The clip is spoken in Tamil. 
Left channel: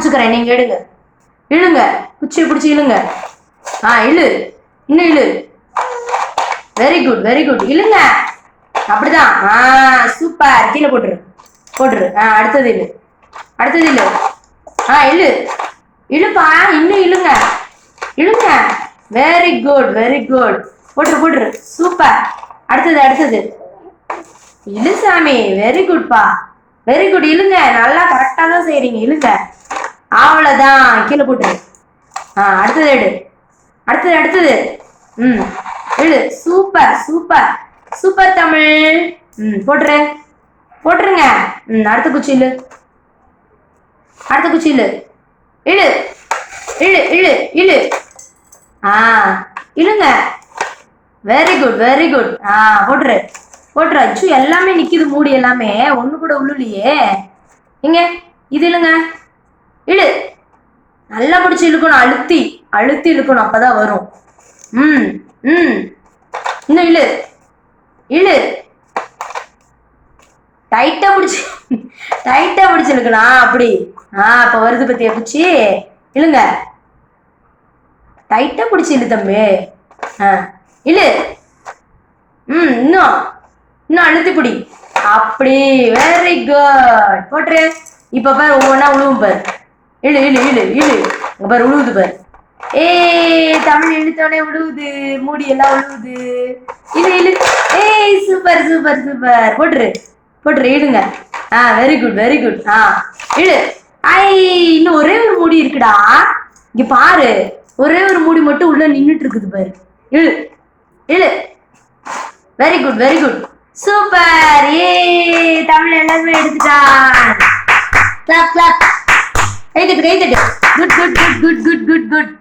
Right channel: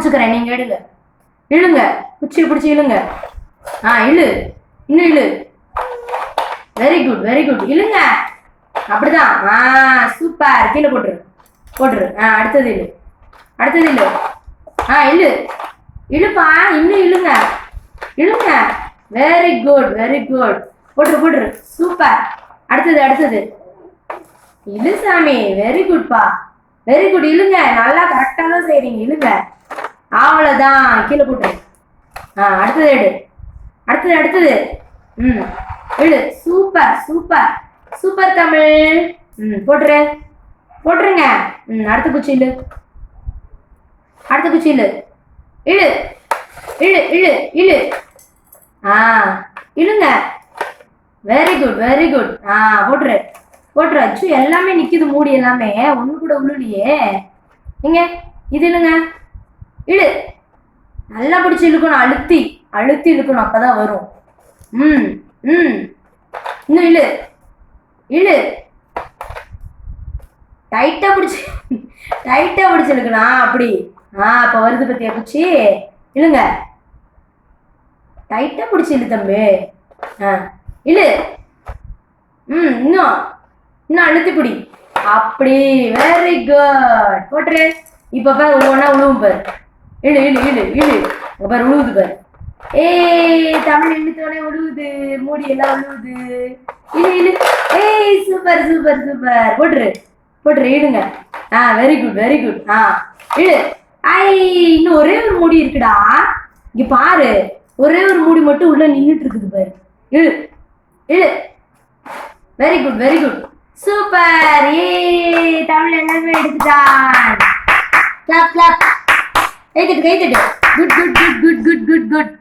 பிடிச்சுக்கிறேன், நீங்க எடுங்க. இழுங்க, குச்சியை பிடிச்சி இழுங்க. இழு, இன்னும் இழு. வெரி குட் வெரி குட், இழுங்க. அப்படிதான். சூப்பர். கீழே போட்டுரு போட்டுரு. அடுத்தது இழு, அடுத்தது இழு. இழு இழுப்பா, இன்னும் இழுங்க இழுங்க. Very good very good. போட்டுரு போட்டுரு. சூப்பர். அடுத்தது அடுத்தது இழு சாமி. வெரி குட்பா, வெரி குட். இழுங்க, நல்லா கரெக்டாக தான் செய்றீங்க. இழுங்க. அவ்வளோதான். கீழே போட்டுரு. அடுத்தது எடு. அடுத்தது அடுத்தது. இழு. Super super super Tamil. போட்டுரு போட்டுருங்க. அடுத்த குச்சி இழு, அடுத்த குச்சி இழு. இழு இழு இழு இழு. இழுங்க. Very good very good. போட்டுரு போட்டுரு. அச்சு எல்லாமே நிக்குது, மூடி எல்லாமே ஒண்ணு கூட உள்ளுலையே. இங்க இது இழுங்க. இழு. நல்லா பிடிச்சி இழுக்கணும், அழுத்தி அழுத்தி இழுக்கணும், அப்பதான் வரும். இன்னும் இழு இழு. டைட்டா பிடிச்சி டைட்டா பிடிச்சி இழுக்கலாம். அப்படி. அப்ப வருது பத்தியா குச்சி. இழுங்க. டைட்டா பிடிச்சி இழு தம்பி. இழு. இன்னும் இன்னும் அழுத்தி பிடி. அப்படி. Very good. போட்டுரு. இப்ப பாரு, ஒவ்வொன்னா உழுவும் பாரு. இழு இழு இழு இழு. பாரு உழுவுது பாரு. தமிழ் இழுத்தோடனே உழுவுது, மூடி எல்லாம் உழுவுது. இழு இழு. Super super super. போட்டுரு போட்டுரு. இழுங்க. Very good very good. இழு. இன்னும் ஒரே ஒரு மூடி இருக்குடா. இங்க பாரு, ஒரே ஒரு மூடி மட்டும் உள்ள நின்றுட்டு இருக்குது பாரு. இழு இழு. Very good very good. Super. Tamil எல்லாருமே எடுத்துட்டான். Clap clap. கை தட்டு கை தட்டு. Good good good good good good good.